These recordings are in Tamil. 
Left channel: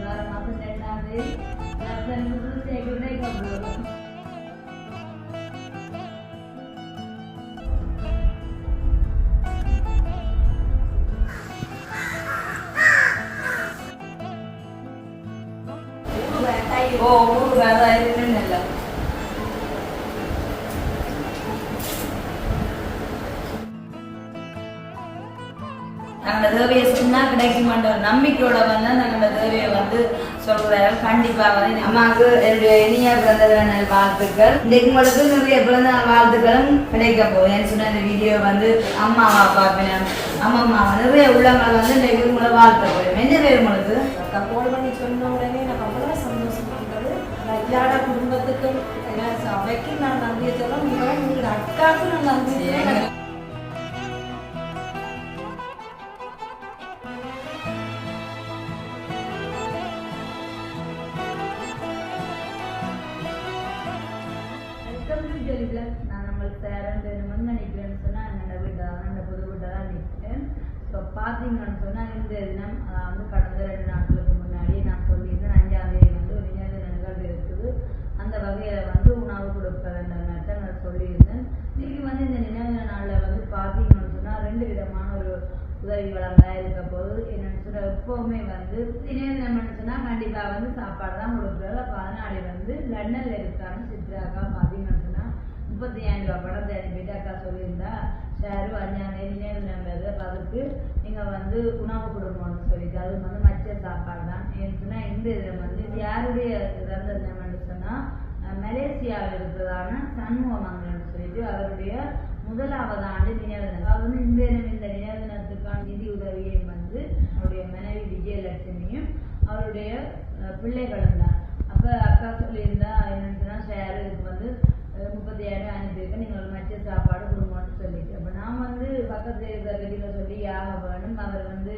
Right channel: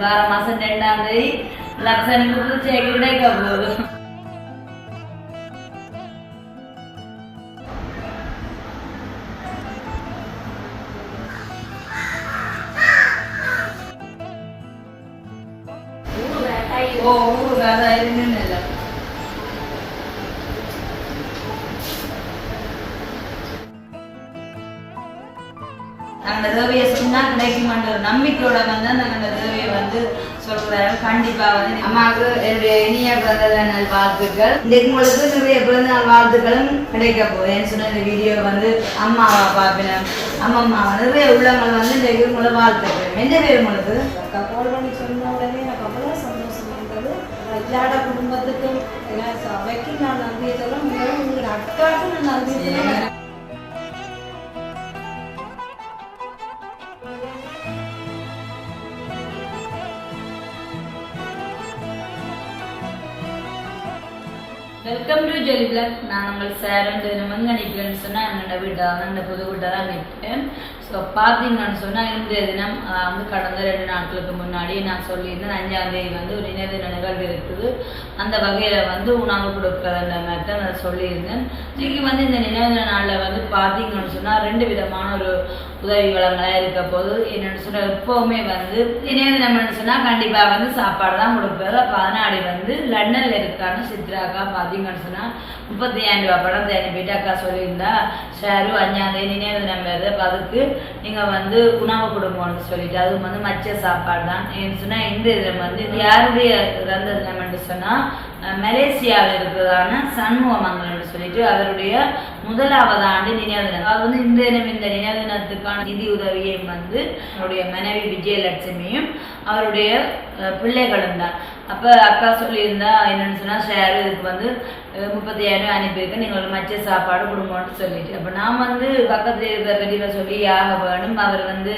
வார மாதம் ரெண்டாம் தேதி லக்ஷனுக்கு சேக்கு கண்டிப்பா வந்து அம்மாவுக்கு என்னுடைய இனிய பிறந்த நாள் வாழ்த்துக்கள் இன்றைக்கு உங்களுக்கு நிறைய பிறந்த நாள் வாழ்த்துக்களும் கிடைக்க போகுது ஏன்னு சொன்ன இந்த வீடியோ வந்து அம்மாவை பார்ப்பேன் அம்மா அம்மா நிறைய உள்ளங்கள் வந்து இன்றைக்கு உங்களை வாழ்த்துக்கள் என்ன பேர் உங்களுக்கு அக்கா கால் பண்ணி சொன்ன உடனே எனக்கு அவ்வளோ சந்தோஷமா இருந்தது எல்லாட குடும்பத்துக்கும் அவைக்கும் நான் நன்றியை சொல்ல மிகவும் உங்களோட அக்காவுக்கும் நான் நன்றி சொல்லுவேன் வெல்கம் டு ஜெலி பிளாக் நான் உங்கள் சேரன் தினமும் நினைக்கிறேன்னு சொன்னால் என்னோட வீட்டை ஸோ பார்த்தீங்கன்னு சொன்னால் இன்றைய தினம் வந்து கடந்த ரெண்டு நாட்களுக்கு முன்னாடி நான் சொல்லியிருந்தேன் அஞ்சாம் தேதி வந்து ஒரு இணைய நிகழ்வு இருக்குது. அந்த வகையில் வந்து உணவு கொடுக்குறதுன்ற மாதிரி தான் நான் சொல்லியிருந்தேன். இன்னைக்கு வந்து இந்த நினைவு தின நாளில் வந்து பார்த்தீங்கன்னு சொன்னால் ரெண்டு விதமான ஒரு உதவி வளங்களாக இருக்க போது என்னென்னு சொன்னால் எப்போவுமே வந்து நினைவு தினம்னு சொன்னால் கண்டிப்பாக வந்து சாப்பாடு தான் கொடுப்பாரு அப்போ அதனாடி வந்து லண்டனில் இருக்கான்னு சித்ராக்கா பார்த்தீங்கன்னு சொன்னால் முப்பத்தி ஐந்து ரூபா படம் தேனி போயிட்டு அக்கா சொல்லியிருந்தா ஷேரு அஞ்சாந்தேதி நினைவு தினம் வருது. அப்போ அதுக்கு நீங்கள் வந்து உணவு கொடுங்கன்னு சொல்லிட்டு அதுவும் வந்து மச்ச சாப்பாடு தான் சொன்னால் இந்த இதில் வந்து இது யாருடைய இறந்த தினம்னு சொன்னால் மலேசியாவில் இருக்கிறதான சண்முகமங்கலம்னு சொல்லிட்டு அவருடைய முதலாவது ஆண்டு நினைவு தினம். அவர் வந்து இந்த தினம் இந்த நினைவு தினத்துக்கான நிதி உதவியையும் வந்து அவருடைய மனைவி விஜயலட்சுமியும் அவருடைய பிள்ளைகளும் தான். அப்போ அக்கா சொல்லியிருந்தா என்னன்னு சொன்னால் ஷேர் இதுக்கு வந்து அஹ், முப்பத்தி நீங்கள் ஒரு மச்ச சாப்பாடு கொடுங்கன்னு சொல்லிட்டு. அப்போ நான் வந்து பக்கத்தில் இருக்கிற வெளியில் சொல்லி யாக வேணும். அவர் வந்து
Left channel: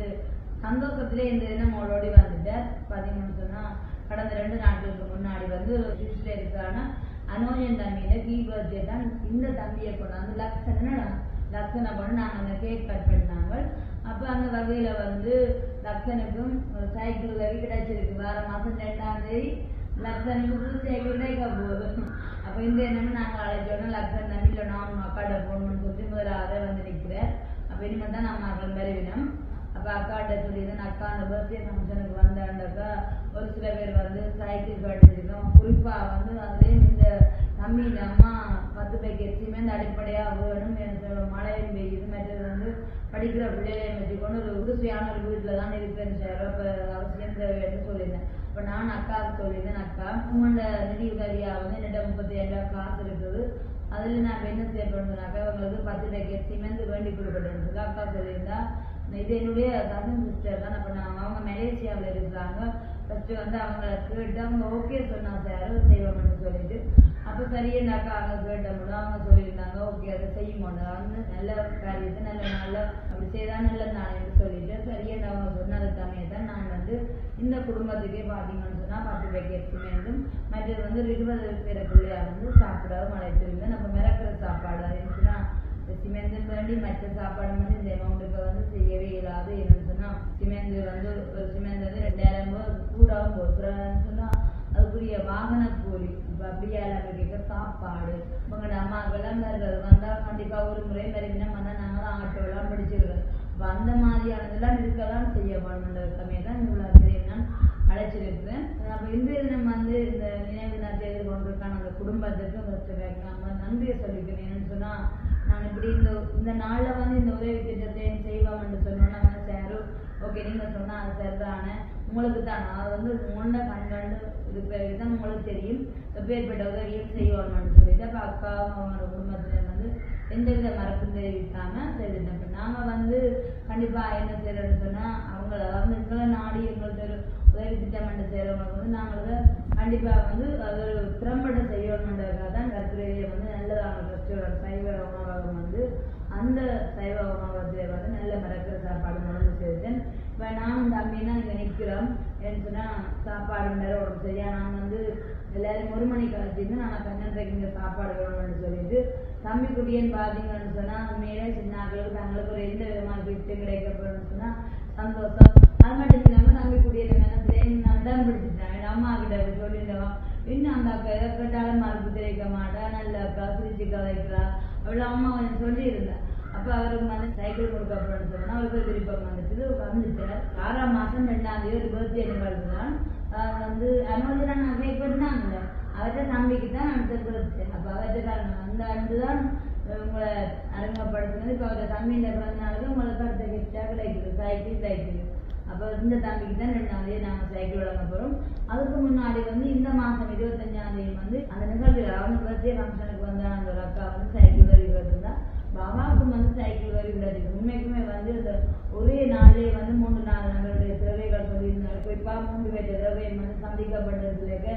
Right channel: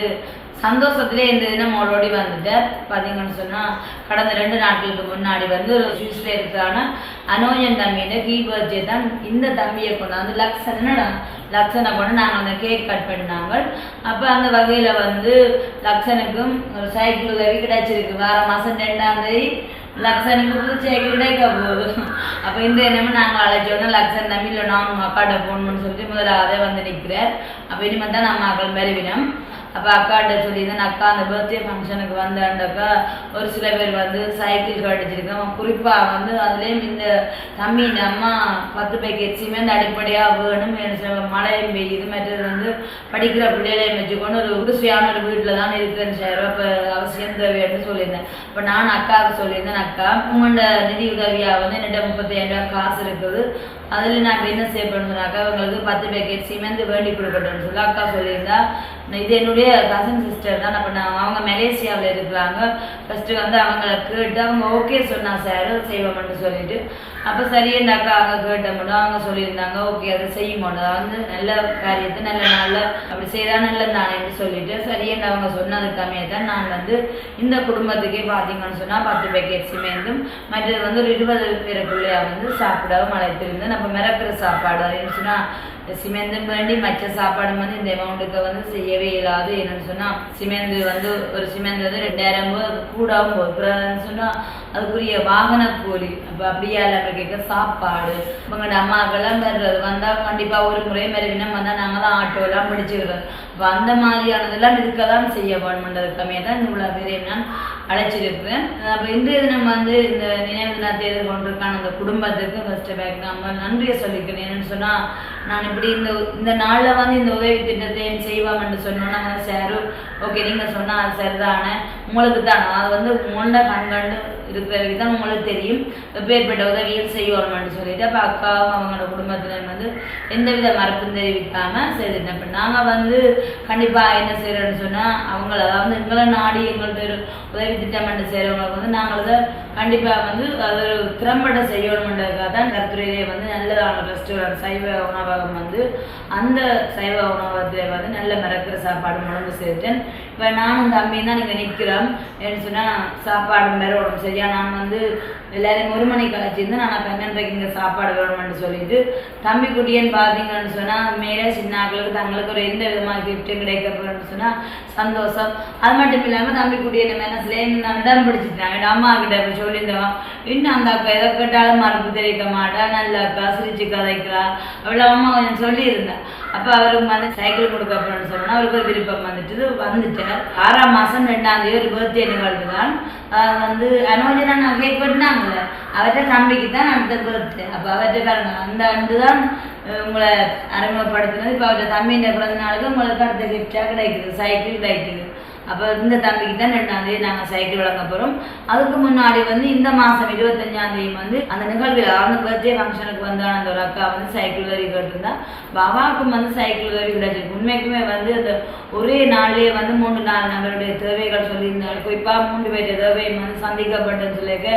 சந்தோஷத்திலே இந்த தினம் ஓடோடி வந்துட்டார். பார்த்தீங்கன்னு சொன்னால் கடந்த ரெண்டு நாட்களுக்கு முன்னாடி வந்து ஒரு சுவிஸில் இருக்கிறான அனோஜன் தம்பியோட கீ பர்த்டே தான் இந்த தம்பியை கொண்டாந்து லக்ஷன் லக்ஷனை கொண்டு நாங்கள் அந்த கேக் கட் பண்ணினாங்க. அப்போ அந்த வகையில் வந்து லக்ஷனுக்கும் ஒரு சைக்கிள் உதவி கிடைச்சிருக்கு. வார மாதம் ரெண்டாம் தேதி லக்ஷனுக்கு புது சைக்கிள் போகுது அப்போ இந்த என்னமோ நாங்கள் அழைச்சோன்னா லக்ஷன் தம்பி நான் உங்கள் அக்காட்ட போகணும்னு சொல்லிட்டு முதலாவதே வந்து நிற்கிறார் அப்போ இனிமேல் தான் நம்ம மாதிரி பெருவினம் அப்போ அக்காட்ட சொல்லியிருந்தேன் அக்கா அந்த பர்த்டே ஃபங்க்ஷனுக்கு வந்தாண்டக்கா ஒரு சில பேர் வந்து சைக்கிள் கடிச்சிருக்கோம் குறிப்பாக வந்து அதுலேயும் இந்த தம்பி இந்த அம்மா பத்து பேக்கெட் சிமெண்ட் அடிப்படையாக வேணும் மழையும் பெய்யுது. மற்றது வந்து படிக்கிற பிள்ளைகளையும் வச்சுக்கொண்டு ஒரு உருசியான ஒரு வீட்டில் தான் இருக்கிறேன் சார். அப்போ அவசியம் தேவையான்னு சொல்லியிருந்தேன். இப்போ நான் அக்காவுக்கு சொல்லியிருந்தேன் அக்கா உங்களோட நிதி உதவியாக வந்து என்னிட்ட முப்பத்தையாயிரம் காசு இருக்குது. அதில் நான் என்ன செய்ய அக்கா உங்களுக்கு பத்து பேக்கெட் சிமெண்ட் வேண்டி கொடுக்கட்டும்னு சொல்லி அக்கா சொல்லியிருந்தா இது என்னுடைய கசன் சிஸ்டர் தான். அப்போ நான் அவங்க மலேசியாவில் இருக்கிறாங்க. ஃபஸ்ட்டு வந்து அவங்கள கேட்டு அவங்க ஓகே சொன்னா சார் செய்வோம்னு சொல்லிட்டு. அப்போ சரின்னு அவங்க கேட்ட மட்டும் அவங்க சொல்லியிருந்தாங்க. ஓகே அதை செய்ய மாட்டோம் வந்து நல்ல காரியத்தை நல்ல நாளில் அப்படி செய்தால் நல்லது தானேன்னு சொல்லிட்டு சரியான அவங்க சொன்னதுக்காமே தான் நான் வந்து இந்த குடும்பத்துக்கே பார்த்தீங்கன்னு சொன்னால் பத்து பேக்கெட் சிமேந்தும் மற்றது வந்து ஒரு இருபது பேருக்குள்ளே வந்து சாப்பிடவும் அழைத்திருந்தேன். நம்ம மிரக்கிற சாப்பாடு அப்படின்னு சொன்னால் சிமெந்து வேண்டி மற்ற சாப்பாடு வந்து இந்த அமௌண்ட்டுக்கு வந்து செய்யவே இயலாது. என்னன்னு சொன்னால் சிமெந்து வந்து ஒரு சிமெண்ட் வந்து ரெண்டாயிரம் போது. அது கூடவும் சொன்னால் அதுக்குரிய வாகன கூலி. அப்போ அப்படியே இல்லை கேட்க சாப்பாடு. உங்களோட அம்மாக்கெல்லாம் வர்றது வந்தால் கண்டிப்பாக ஒரு முறை மறுவினம் வந்தால் நாங்கள் தான் ஆட்டோலாம் பிடிச்சிருக்கோம் அப்போ அந்த மாதிரியானதெல்லாம் இருக்க தான் செய்ய வேணுமென்றதுக்காமே தான் இவ்வளோ பேரையும் நான் அழைச்சிருக்கிறேன். அப்போ இன்றைய தினம் வந்து இந்த நினைவு தினத்தை எதிர்கொண்டிருக்கான அந்த குடும்பத்துக்கு ஃபஸ்ட்டு பேக் நம்ம நன்றியை சொல்லிக்கிறேன். என்னன்னு சொன்னால் நான் இப்படி இந்த இந்த நாளில் வந்து இந்த உதவி திட்டத்தை செய்வாங்கன்னு சொன்னோன்னா சாரு ஓகே நீங்கள் சொன்னால் அது சரிதானே? உங்களுக்கு தானே? அது வந்து உங்களோட கண்கண்டு இருக்கிறவங்க தான் உங்களுக்கு தெரியும். எப்பேற்பட்ட உதவிகள் செய்வோம்னு சொல்லிட்டு அப்போ அக்காவும் அவங்களோட குடும்பத்தினர் வந்து எந்தவித மறுப்பும் தெரிவிக்காமல் செய்துட்டேன் இப்போ நாங்கள் வந்து கண்டிப்பாக என்ன செய்கிறோன்னு சொன்னால் அவங்கள அதாவது எங்களை நாடி எங்கள்கிட்ட ஒரு உதவி திட்டமிட்டு செய்கிறவங்களுக்கு வந்து நாங்கள் அதை கண்டிப்பாக வந்து அது ஒரு திறம்பட செய்யணுன்றதுக்காக தான் கருத்துறையிலே வந்து நல்லதான ரெஸ்டாரண்ட் சைவ உணவகம் வந்து அந்த சைவ உணவகத்தில் வந்து நல்ல மிரக்கிற சாப்பாடு உடம்பு சேர்த்தேன். இப்போ நானும் தம்பியும் தான் நீங்கள் நிற்கிறோம் என்ன சொன்னால் சாப்பாடு மேலே உடம்பு சரியா நான் வந்து எல்லாரையும் ஒரு மணிக்கு அழைச்சிருந்து நான் பன்னெண்டரைக்கு இங்கே சாப்பாடு வேணும்னு சொல்லிட்டு தம்பி குட்டியன்னு பார்த்தீங்கன்னு சொன்னால் மேலே சின்னாக்களுக்கு தங்களுக்கு ஒரு எந்த விதமான கிஃப்ட்டும் கிடைக்க போகிறேன்னு சொன்னால் சந்தோஷம். அது மட்டும் இல்லாமல் தம்பி கூட்டிய மனசுல நான் தான் பிடிச்சிட்டேன் என் அம்மா கிட்ட இப்போ சொல்லியிருந்தவன் இன்னும் அந்த அக்கா எதை கேட்டாலும் மறுப்பு தெரிவிக்க மாட்டா நல்ல அக்கா சிரிச்சு கதைக்கிறா. அவ்வளோ அம்மா கொஞ்சம் சொல்லியிருந்தா. அப்போ அவருக்கு வந்து சைக்கிள் கொடுக்க அப்படின்னு சொன்னால் அவருக்கு ஒரு விருப்பம் வந்துட்டு. வந்துட்டார் ஆறாம் மாதம் ரெண்டாம் தேதி ஒரு பர்த்டே நிகழ்வு தான் வந்து அனோஜனா நான் கேக் வெட்டினாங்கல்ல அவர்கிட்ட தம்பிக்கு தான் அடுத்த பர்த்டே அப்போ அவர்கிட்ட பாருங்க அந்த ஆண்டு தான் உங்களை அறிமுகப்படுத்தினது. இப்போ அவர்கிட்ட தம்பியின் பிறந்த நாளுக்கு உங்களுக்கு அடுத்த கிஃப்டாக கிடைக்குது சைக்கிள் கிடைக்குது. அப்போ இந்த தம்பிக்கு தான் ரெண்டாம் தேதி நாங்கள் சைக்கிள் வழங்க போகிறோம் அதுக்கு முன்னாடி வந்து இந்த மாதம் இருபத்தஞ்சாம் தேதி வந்து அந்த நிகழ்வில் அந்த பர்த்டே ஃபங்க்ஷனுக்கு வந்தான அந்த ஒரு அக்கா வந்து சைக்கிள் வரி கேட்டிருந்தா. பாபாவுக்கும் வந்து சைக்கிள் வரி கிடைச்சிருக்கு. உண்மைக்குமே வந்து அந்த ஒரே நாள்லேயே வந்து மூன்று நாலு நபருடைய தேவைகள் சொல்லியிருந்தாங்க. குறிப்பாக மூன்று பேருடைய தேவை வந்து சந்திக்கப்பட்டதுன்னு சொல்லியிருக்க.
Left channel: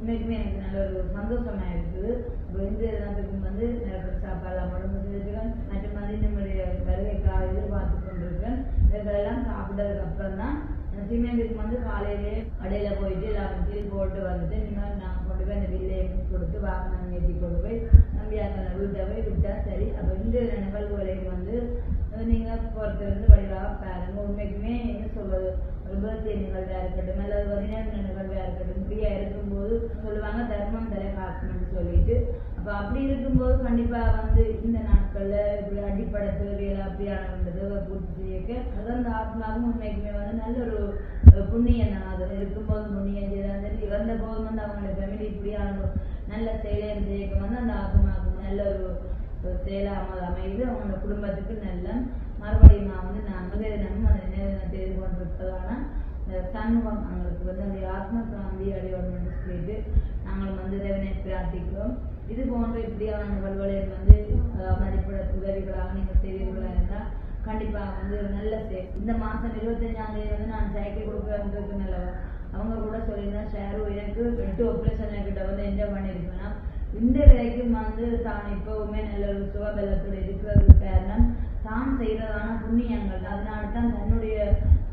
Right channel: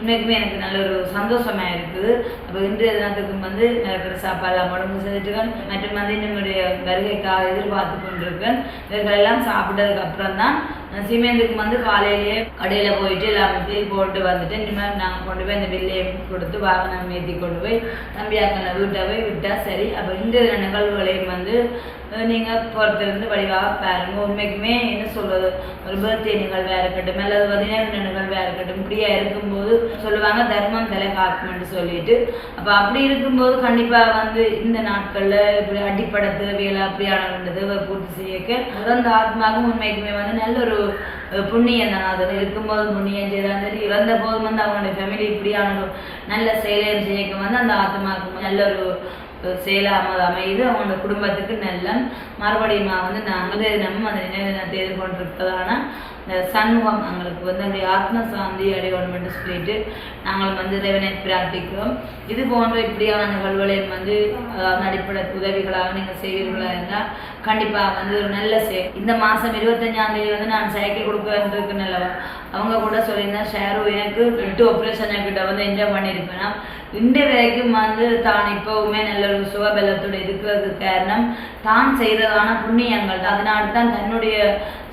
உண்மைக்குமே எனக்கு நல்ல ஒரு சந்தோஷமாக இருக்குது. அப்போ இன்றைய தினத்துக்கும் வந்து இருக்கிற சாப்பாடுலாம் உடம்பு செஞ்சுட்டுருக்கேன் மற்றும் வந்து என்னுடைய வருகைக்காக எதிர்பார்த்து கொண்டிருக்கேன். இவர்களெல்லாம் சாப்பிட்டதுக்கு அப்புறம் தான் சீமேந்துக்கு வந்து காலையிலேயே கடையில் போயிட்டு எல்லாமே பில் போட்டு வந்துட்டு இனிமேல் நாங்கள் கொண்டு போய் அந்த பில்லையை கொடுத்து வாகனம் ஏற்றி கொண்டு போய் தம்பியாக்களை வீட்டை போய் விட்டால் சரி. அப்போ இந்த நிகழ்வுகளையும் வந்து நீங்கள் பொறுத்திருந்து வடிவாக பாருங்கள் உண்மைக்குமே என்ன சொல்கிறது ஒரு பர்த்டே நிகழ்வாக இருக்கட்டும் அல்லது பதினேழு நிகழ்வாக இருக்கட்டும் இப்படியா இருக்கும்போது சொல்லுவாங்க தர்மம் தலை காக்கும்னு சொல்லிட்டு. அப்போ அப்படி இருக்கும்போது கண்டிப்பாக வந்து இந்த நாட்களில் இப்படி அடிப்படை தேவைகளை அப்படியான தேவை பூர்த்தி செய்யக்க அந்த ஆத்மாவும் உண்மைக்குமே வந்து நல்ல ஒரு புண்ணியம் தான் அது இருக்கும்போது புண்ணியம் செய்தாலும் சரி இறந்த போதும் வந்து அவங்களுடைய ஃபேமிலி இப்படியான ஒரு நல்ல செயலையும் செய்யக்கும் வந்து அந்த ஆத்மாவுக்கு நல்ல ஒரு செயலாக அமையுது. அவங்களோட குடும்பத்துக்கு நல்ல மறுபடியும் வந்து நாங்கள் நம்ம அந்த நினைவு தினத்தை எதிர்கொண்டிருப்பதான இந்த சண்முகம் எங்களுக்கு வந்து அந்த ஆத்ம சாந்தி அடையணும் சொல்லிட்டு நாங்கள் வந்து இறைவனை பிரார்த்திக்கிறோம். இது போன்ற இப்படியான நிகழ்வுகளையும் வந்து அடிப்படை உதவிகளாக நீங்கள் செய்வீர்களா இருந்தால் கண்டிப்பாக வந்து ஒரு நல்ல செய் இந்த மாதம் இருபத்தஞ்சாம் தேதி வந்து நான் சைக்கிள் கொடுக்குறதுக்கு நல்லவா அவங்க கூட சொல்லியிருந்தேன் ஷேரு எனக்கு எட்டு ஆப்ரேஷன் கிட்ட வந்து என்ஜாய் பண்ணியிருப்பேன் இன்றைய வரைக்கும் வந்து தான் இப்போவுமே நல்ல ஒரு சுகபலத்தோடு இருக்கிறதுக்கு காரணம் தான் செய்ததான புண்ணியங்கள். அதனால தான் தன்னுடைய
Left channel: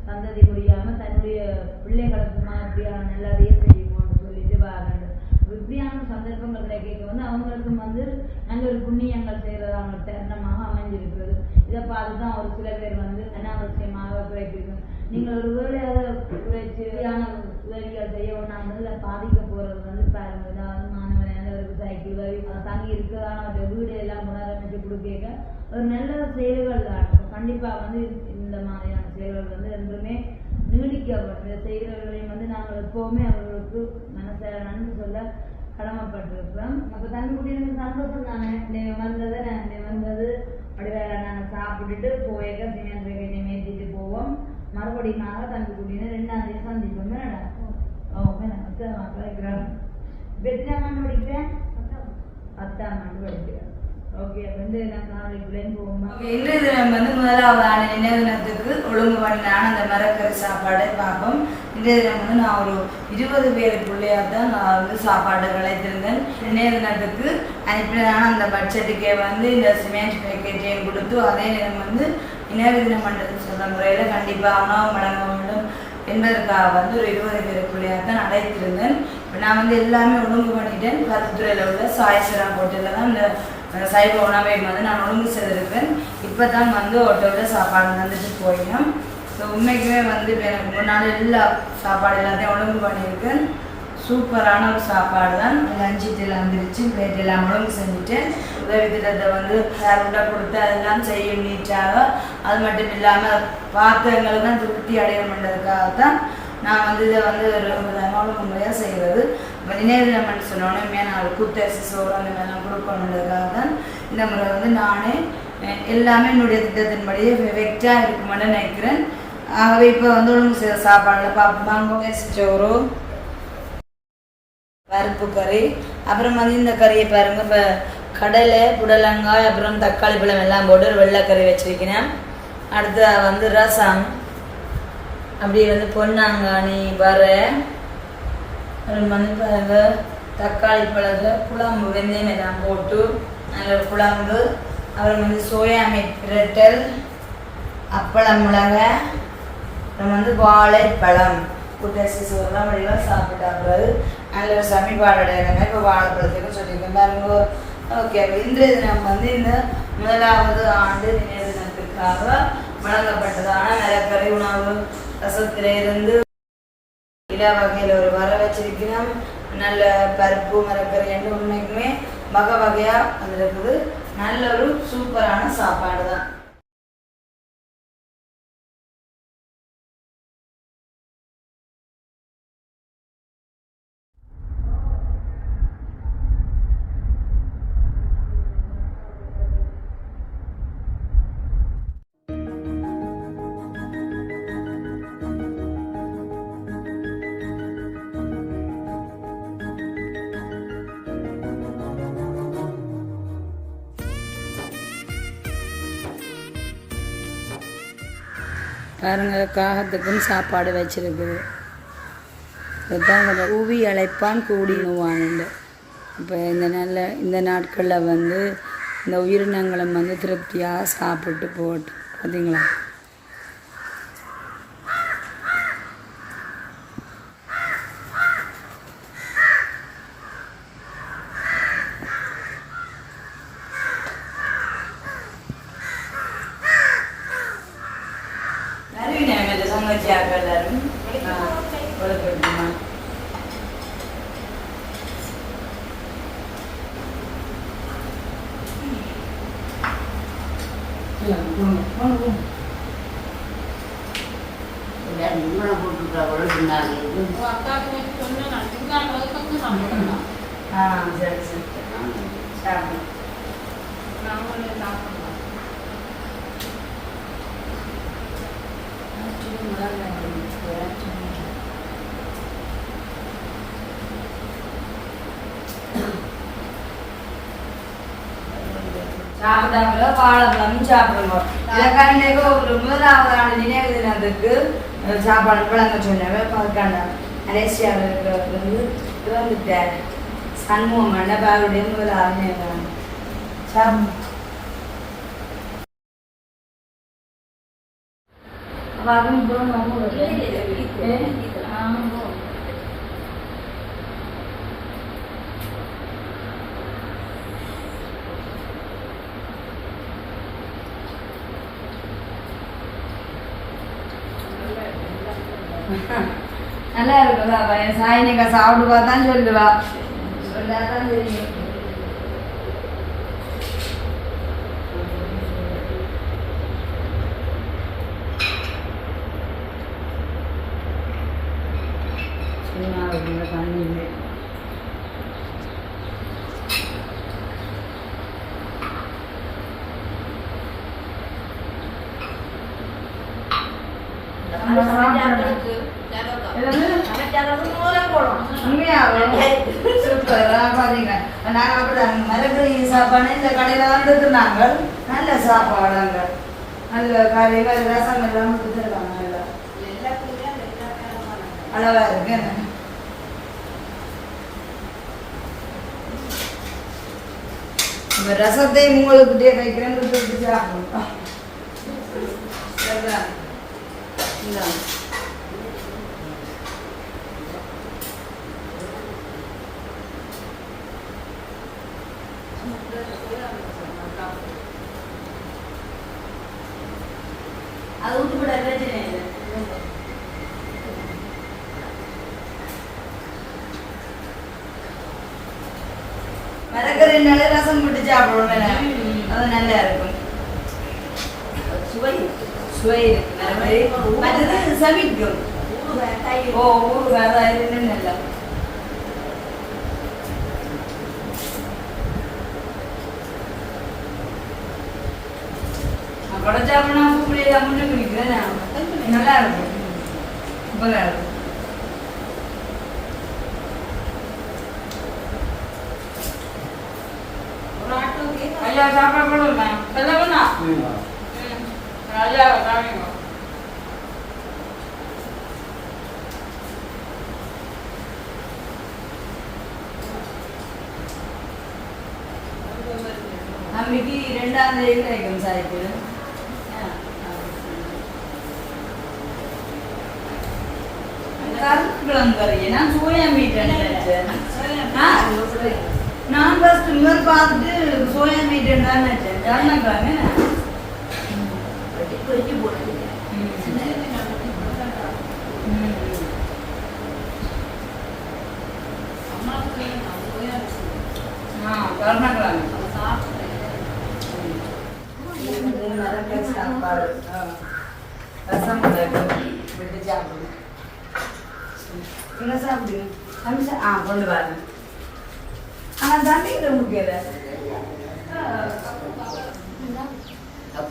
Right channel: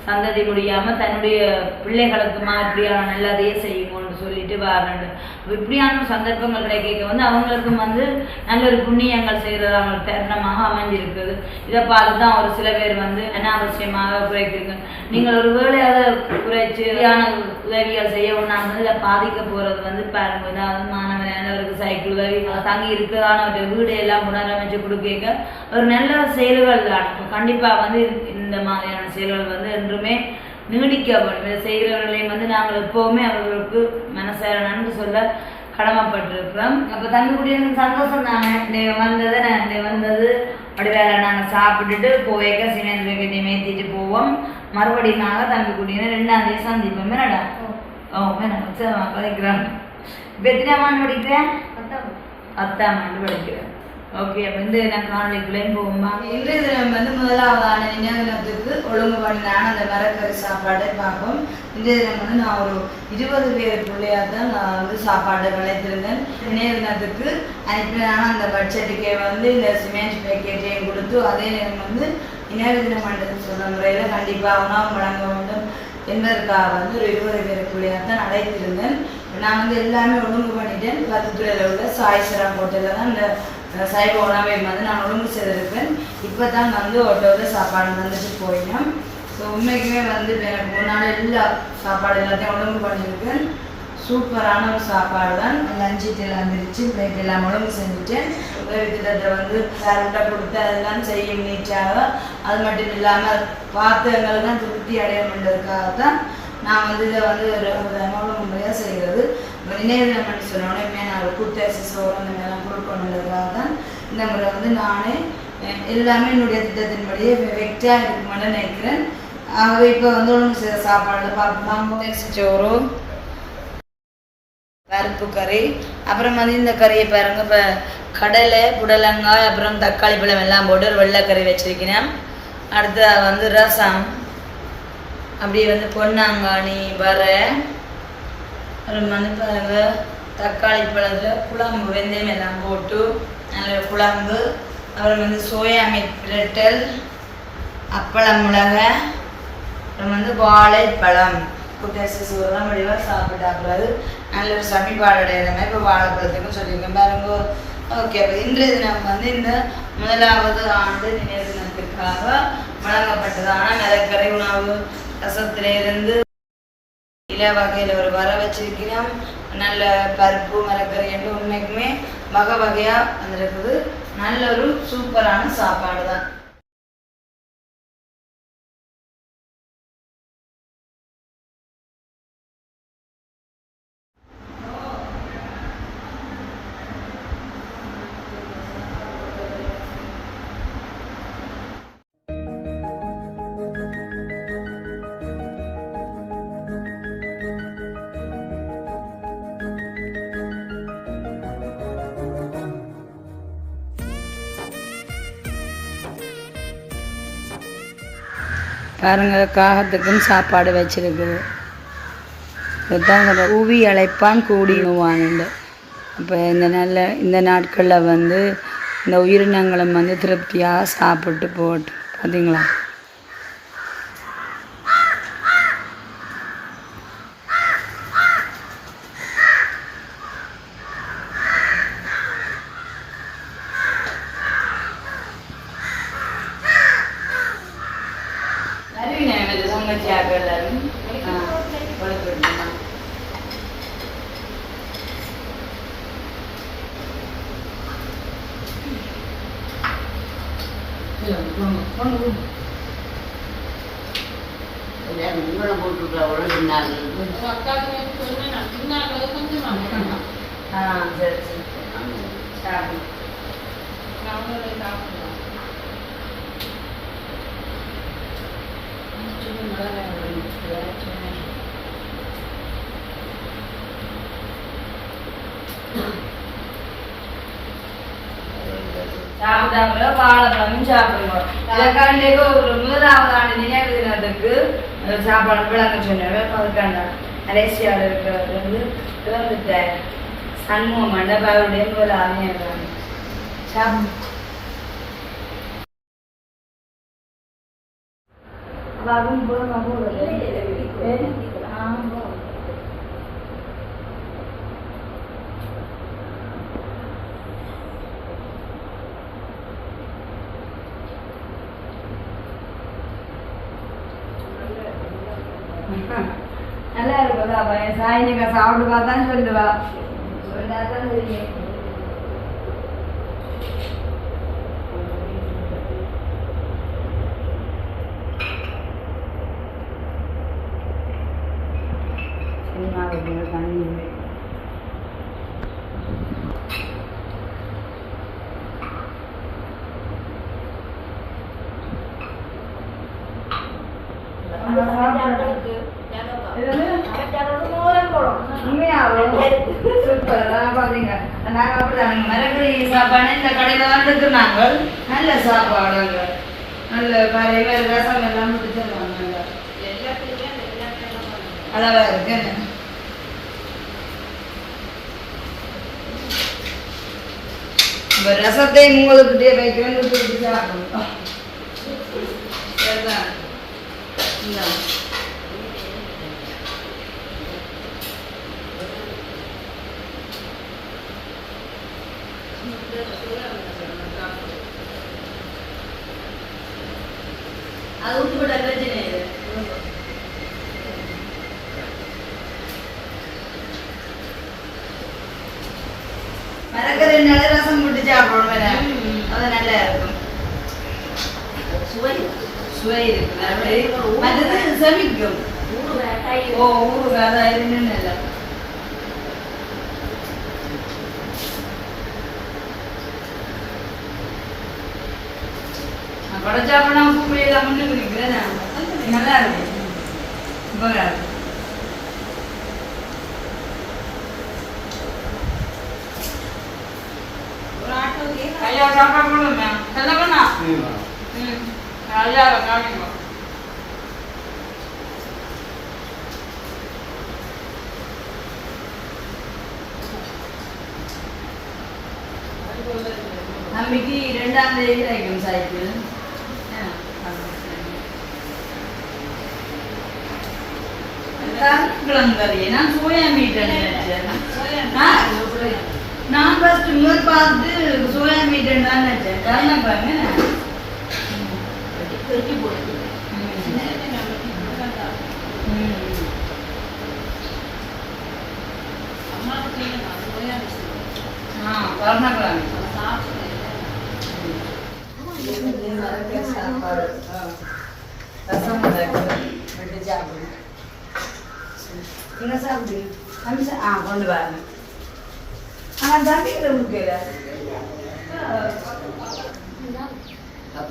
சந்ததி முடியாமல் தன்னுடைய பிள்ளைகளுக்கு மாதிரியான நல்லதே செய்யுங்கன்னு சொல்லிட்டு வாரண்டு. இப்படியான சந்தர்ப்பங்கள் கிடைக்க வந்து அவங்களுக்கும் வந்து நல்ல ஒரு புண்ணியங்கள் செய்கிறதாங்க தருணமாக அமைஞ்சிருக்குது. இதை பார்த்து தான் ஒரு சில பேர் வந்து அனாவசியமாக குறைக்கிறீங்க நீங்கள் ஒரு வேலையாக குறைச்சு உதவிகள் செய்ய ஒன்றாங்க இதை பாதிக்க போகிறது வந்து பாருங்க. ஏதாவது மாணவர் சைக்கிள் உதவி தங்கி இருக்கிறதான ஒரு வீடு எல்லாம் புனரமைச்சு கொடுக்க ஒரு நல்ல செயல்கள் தான். கண்டிப்பாக வந்து இந்த மாதிரியான செயல்கள் வந்து என்றுமே நீடிக்க வேண்டும் இதை செய்கிறவர்களையும் வந்து நாங்கள் எப்போவுமே அவர்களுக்கு மனசார நன்றி சொல்ல கடமைப்பட்டிருக்கிறோம். அப்போ தங்கக்கூடிய சந்தோஷம் தானே? நீ வந்தது நான் நீ வந்தது. அப்படி வேலை நாங்கள் சாப்பிட்டுட்டு போயக்க சிமெண்ட் பேக்கெட்டை மேத்திட்டு போவோம். மறுபடியும் நாங்கள் தம்பி குடியின ரெண்டாம் தேதி சந்திப்போம். என்னடா? ஓ. மேடம் சரி கதைக்கிறான் இப்போ எத்தனை ஆண்டு படிக்கிறேன்? பத்தாம் ஆண்டு படிக்கிறேன். ஓகே அப்போ வந்து நான் காணொலிக்குள்ளேயும் போகுமா? இன்றைய தினம் வந்து முதலாவதான நினைவு தினத்துக்கு ஒழுங்கு நான் அந்த மரக்கறி சாப்பாடை பார்ப்போம். இன்றைய தினம் வந்து நான் ஒரு இருபது பேர் பிள்ளையாக தான் நான் வந்து சாப்பாடு விளைத்திருந்தேன் நினைவு தினத்துக்கு அனுப்பினான அந்த பட்ஜெட்டுக்கே வந்து இந்த சிமெண்ட் பேக்கெட்டையும் கொடுத்து அதே நேரம் வந்து நினைவு தினம் மண்டலத்தில் சொல்கிற முறையில் கண்டிப்பாக உணவு வழங்க வேண்டும். என்பதற்காக வந்து ஒரு இருபது பேர் பிள்ளையாக தான் அழைத்திருந்தேன். நான் வந்து எல்லாமே ஒழுங்கு பண்ணிட்டேன். பத்துத்துறையில் உள்ள சாய்ஸ்வரம் ஹோட்டலில் தான் இந்த சைவ உணவையும் வந்து நான் ஒழுங்கு செய்திருப்பேன். இப்போ தான் வந்து ஹோட்டலில் சாப்பாடு வந்துட்டு போயிடும் ஸோ உண்மைக்குமே வந்து எனக்கு முன்னாடி எல்லா சாப்பாடு எல்லாத்தையும் ஒழுங்கு பண்ணியிருக்கேன். சூப்பரான ஒரு சாப்பாடு தான். லஞ்சு எல்லாம் வந்துருச்சு பிளேட் எல்லாம் ஒழுங்கு செஞ்சுட்டேன் உதவி திட்டத்தை வந்து சார்கிட்ட கொடுத்து அதெல்லாம் செய்ய நீட்டாக அது மட்டும் இல்லாமல் பார்த்தவங்களை தான் திருப்தி அடைய பண்ணுறதுக்காக தான் நான் வந்து இதை வந்து ஒரு அமௌண்ட் முறையாக செய்கிறது இப்போ நினைவு தினம் சொன்னோன்னே நான் ஒரு குத்தரிசி சோறு அந்த மாதிரிலாம் கொடுக்கணுன்றதுக்காக தான் இந்த முறை வந்து நானே எல்லாமே என்னுடைய திட்டத்தின்படியே வெக்டாக இருக்குமென்னு நினைக்கிறேன். ஆகவே இப்போ வந்து ஒழுங்கு செய்கிற சாப்பாடில் பார்ப்போம். சோறு பருப்பு கறி அப்புறம் வந்து இந்த கறியை பாருங்க. இப்போ கடலை புடலங்காய் அப்புறம் தக்காளி பழம் எல்லாம் போட்டு ஒரு வெள்ளைக்கறி வச்சிருக்கிறேன். அடுத்து வந்து ரசம். அப்படியே வந்து பொன்னாங்காணி வர அப்புறம் வந்து தக்காளி பழத்தில் குழம்பு வெந்தயம் எல்லாம் போட்டு நல்ல குழம்பு. அப்புறம் வந்து சோயா மீட் பிரட்டல் அப்பளம் மிளகை அப்புறம் வந்து வாழைப்பழம். புத்தரிசி சோறுலாம் வடிவாக சாப்பிட்டாக்கூடாது நல்ல ஒரு சமிபாடடைகிறமே இப்போ வாழைப்பழத்துக்கும் சொல்லியிருக்கேன் பாருங்க. ஓகே அப்போ இன்றைய தினம் வந்து இந்த முதலாவது ஆண்டு நினைவு தினத்திற்காக வழங்கப்பட்டதான நிலக்கரை உணவு. ரசத்துல இருந்து இலை வகையில் ஒரு வர வச்சிருக்கிறோம். நல்ல பருப்பு மரக்கறி என்று உண்மைக்குமே வகை வகையாக வந்திருக்குது. நல்ல ஒரு சூப்பரான சாப்பாடு தான் பாருங்க காகத்துக்கும் சாப்பாடு வச்சுருக்குது. இதுதான் ஒரு கூவி அழைப்பான் கூடினுவானுண்டு. அப்போ இந்த நல்ல இந்த நாட்களில் வந்து இந்த உயிரினங்களும் வந்து திருப்தியாக சாப்பிட்டு போட்டு பார்த்தீங்களா வருவீங்க எனக்கு சமைச்சாங்க எல்லாரும் ஆ, கொழுப்பு எடுத்துமா. இல்ல, போங்க, போங்க, போங்க. ஆ சரி சரி சாப்பிடு சாப்பிட்டாங்களோ வாழைப்பழமும் சாப்பிடுங்க இலக்காண்டேக்கு ஒரு முதலாவது ஆண்டு நினைவு தினத்துக்கு சாப்பாடு விளங்க சொன்னாங்க அதுக்காண்ட மலேசியாவில் இருக்கிறவர் வந்து இறந்துட்டார் சண்முகம் மண்டபாவுடைய முதல் அறிஞர் சாப்பிடு அப்ப அதுவும் இருக்குதா பையன் சாய் நீங்க சாப்பிடுவா தான் சொல்லுவா. சொல்லாதான் தெரியும். மரபுரி சாப்பாடு இந்த கடையில் வந்துட்டு நாங்கள் நல்ல சாப்பாடுங்க. நல்ல கறி வேறு ரசம் எல்லாம் கொடுத்துருவாங்க அளவா இருக்கு ரசத்தை உங்களுக்கு வைக்கிறேன் கொடுத்து சாப்பிடுவோம் சரிதான் இந்தாங்க. அது விட்டு விட பிரச்சனை இல்லை மரக்கறினால ரசம் சாப்பிடுவோம் அது நல்லா இருக்கும். சுவை. இருக்கு. மற்றது ஓ இன்னும் நல்லா. இருக்கும். சூப்பரா இருக்கும் ஐயா சாப்பாடு கொடுங்க சொல்லுங்கண்ணா ம். ஐயா காமிங்க அன்னைக்கு ரெண்டாம் தேதி கிடைக்கும் சைக்கிள் கிளம்புறீங்க நான் சோயா மீட் நினைச்சேன். நான் ஃபர்ஸ்ட் இன்னொரு பார்த்து சோயா மீட் தான் நினச்சேன் காரணம் பாருங்க. சாப்பாடு. ரசம் சாப்பிடுங்க என்ன சாப்பிடுங்க ஆ கொண்டு வரேன் ஆனால் தம்பிக்கிற முக்கியல